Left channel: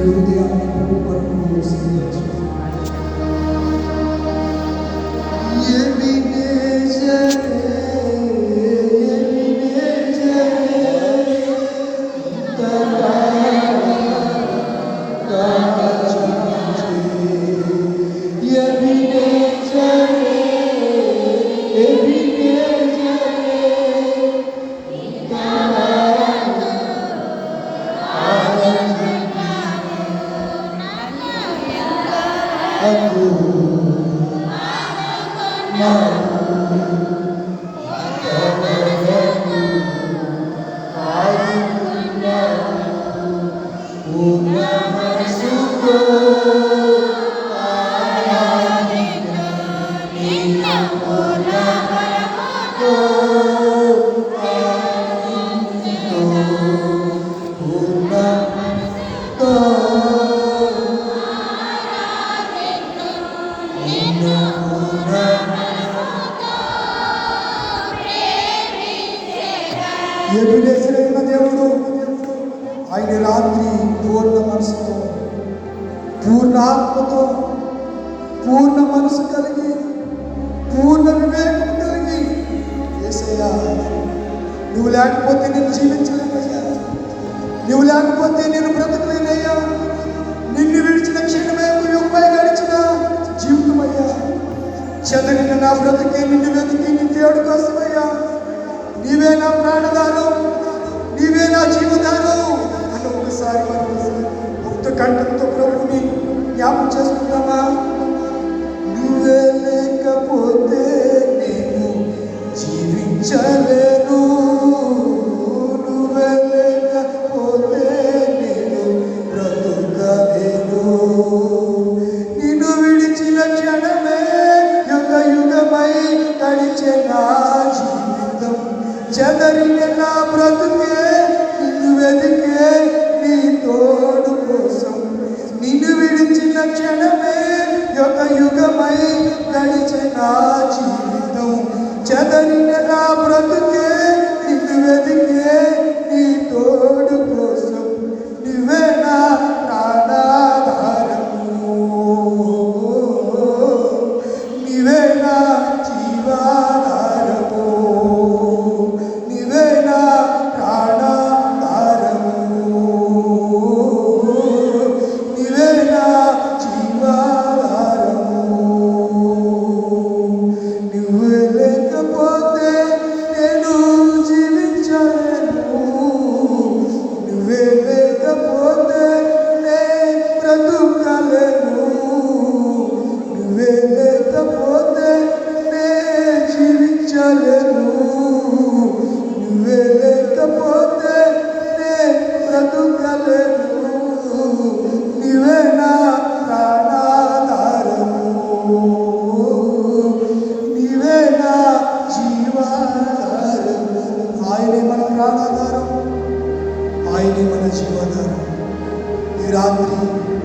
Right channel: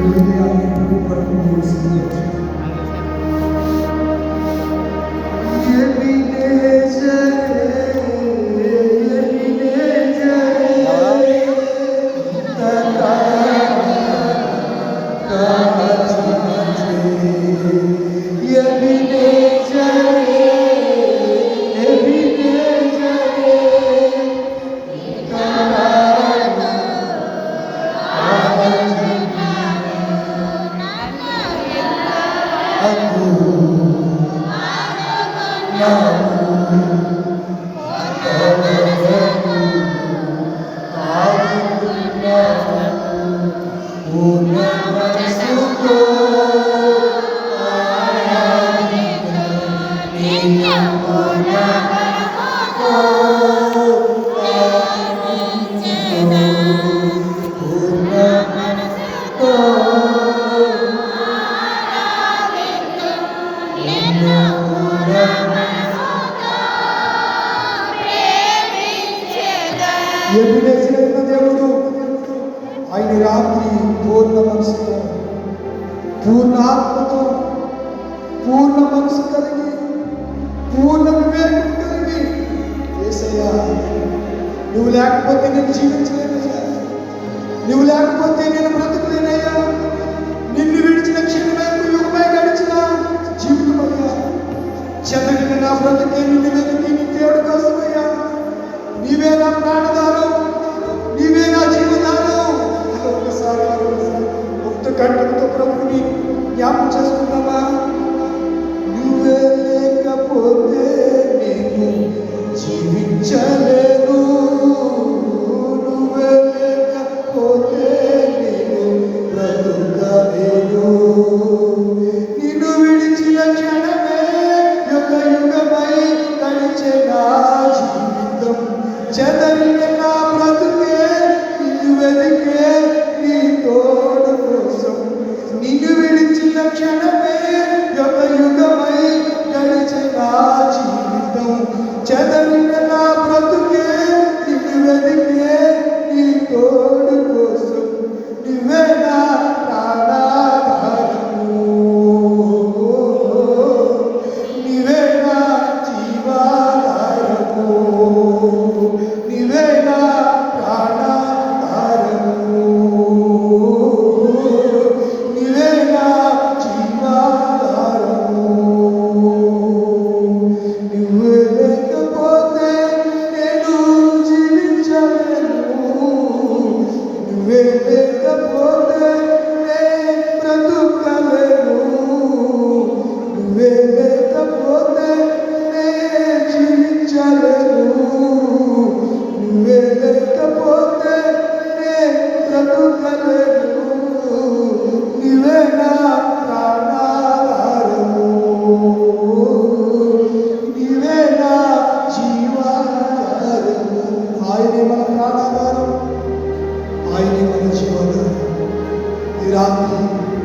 Hallelujah. పూర్ణాత్మతో పూర్ణ మనసు కలిగి పూర్ణ వివేకం కలిగి ఏసయ్యా నువ్వు లేకపోతే నేను జీవించలేనయ్యా. నువ్వు లేకపోతే నేను బ్రతకలేనయ్యా. నిన్ను విడిచిన క్షణమే యుగమై గడిచిన జీవితమయ్యా. చెందగిన నా బ్రతికి నిన్ను వెతికి నీ నిత్యాడు కోసమయ్యా. నీవే నా ఈ రాత్రి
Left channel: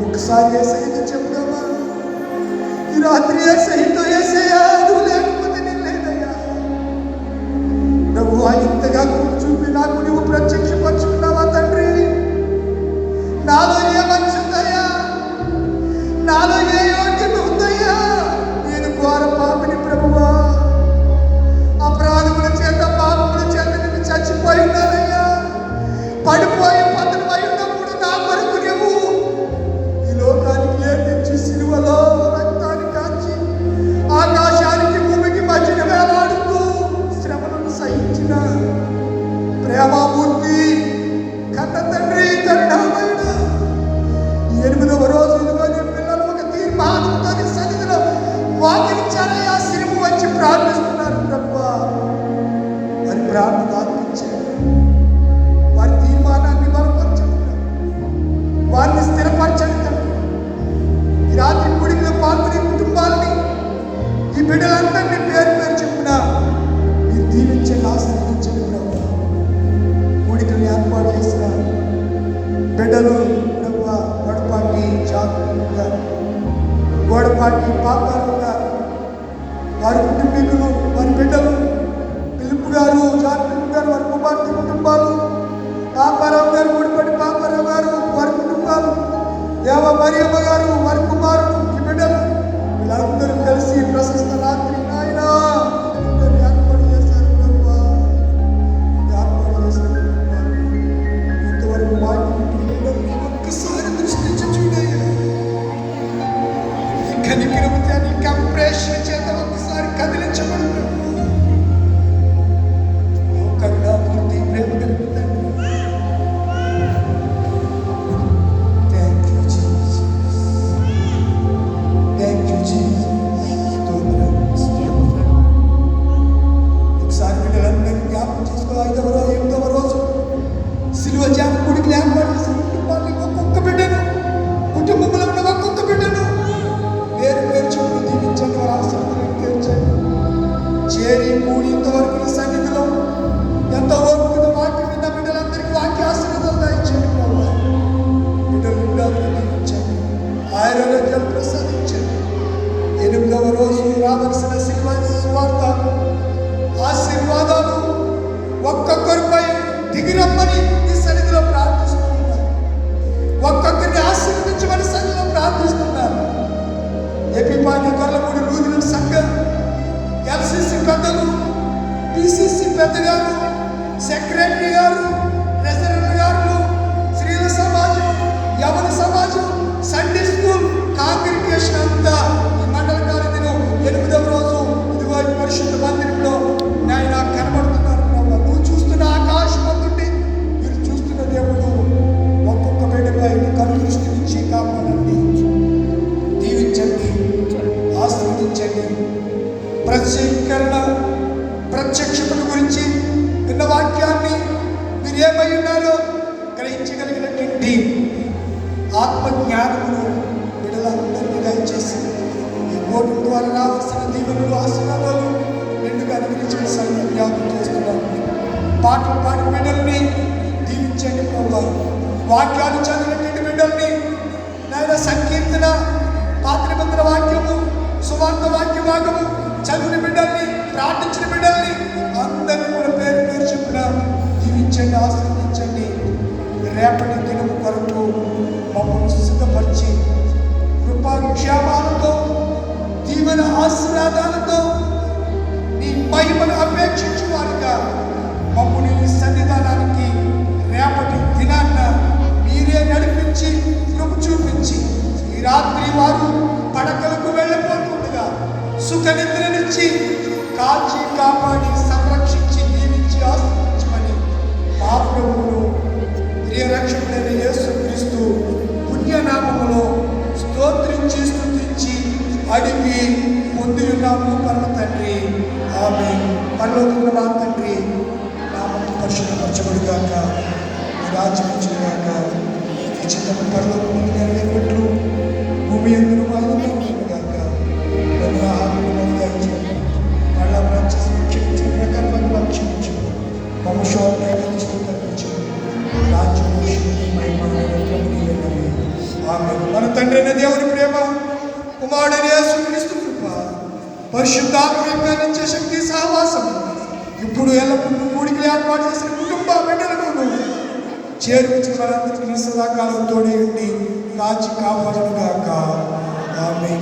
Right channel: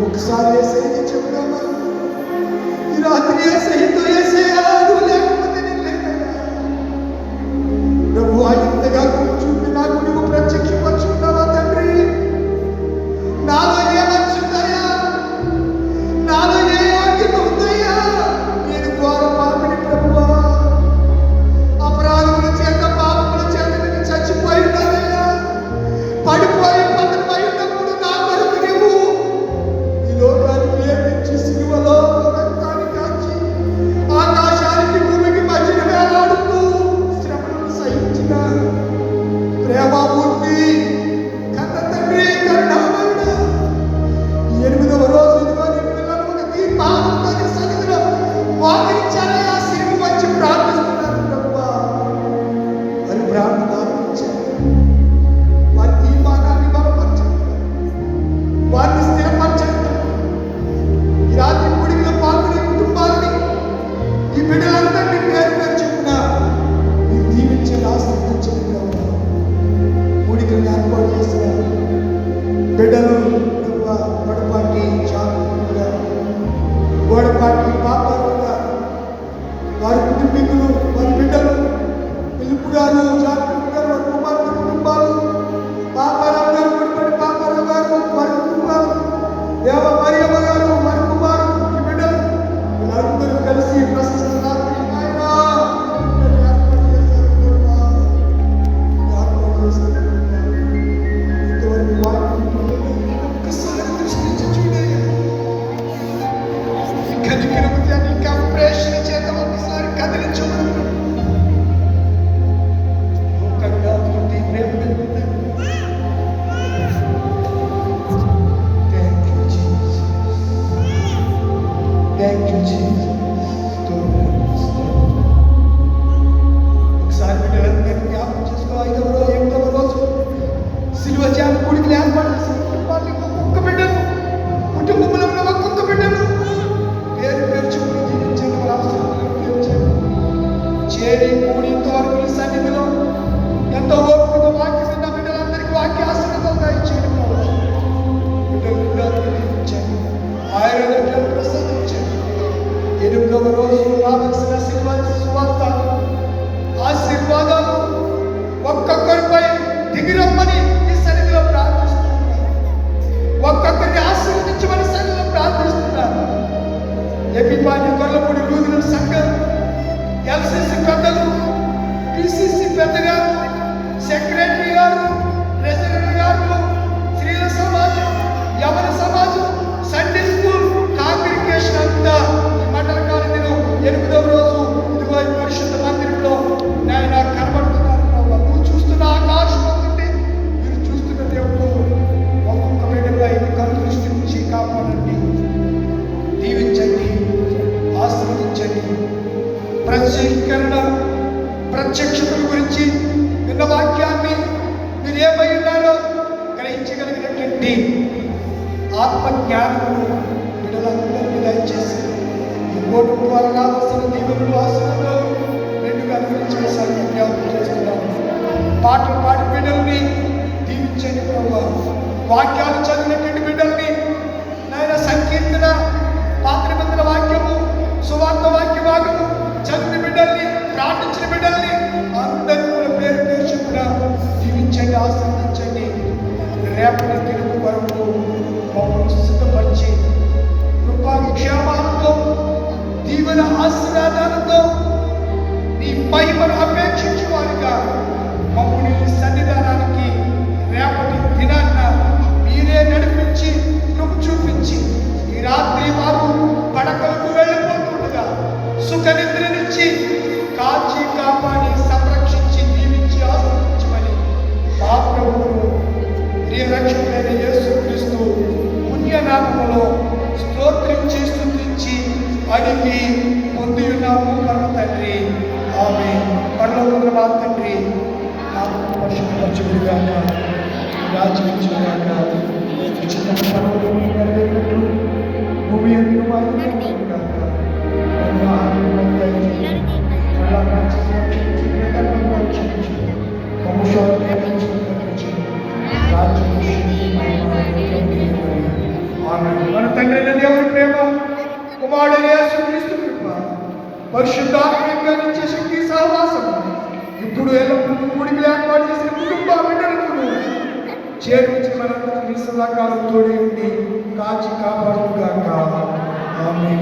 ఒకసారి ఏసైనా చెప్తామా ఈ రాత్రి ఏసైనా పెద్దలు పిసిసి పెద్ద గారు సెక్రటరీ గారు ప్రెసిడెంట్ గారు స్త్రీల సమాజం యవన ಆತ್ಮಜ್ಞಾನವನ್ನು దానికి ప్రయత్నించే శక్తి సహవాసం ఇప్పుడు ఎల్లప్పుడు కూడికి ఏర్పాటు చేసిన కుటుంబ బిడ్డలను చేర్పించి మనందరికీ సదాకాలంతో ఉండి కాచి కాపాడుగాక ఆమె